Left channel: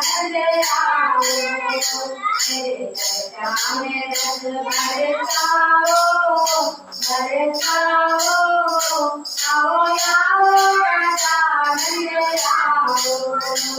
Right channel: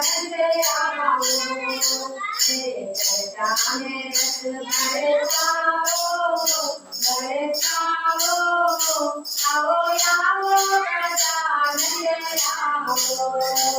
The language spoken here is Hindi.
धंधे आओ मेरे चर्चा में रस बरसाओ बरसाओ आओ आओ राजा धंधे आओ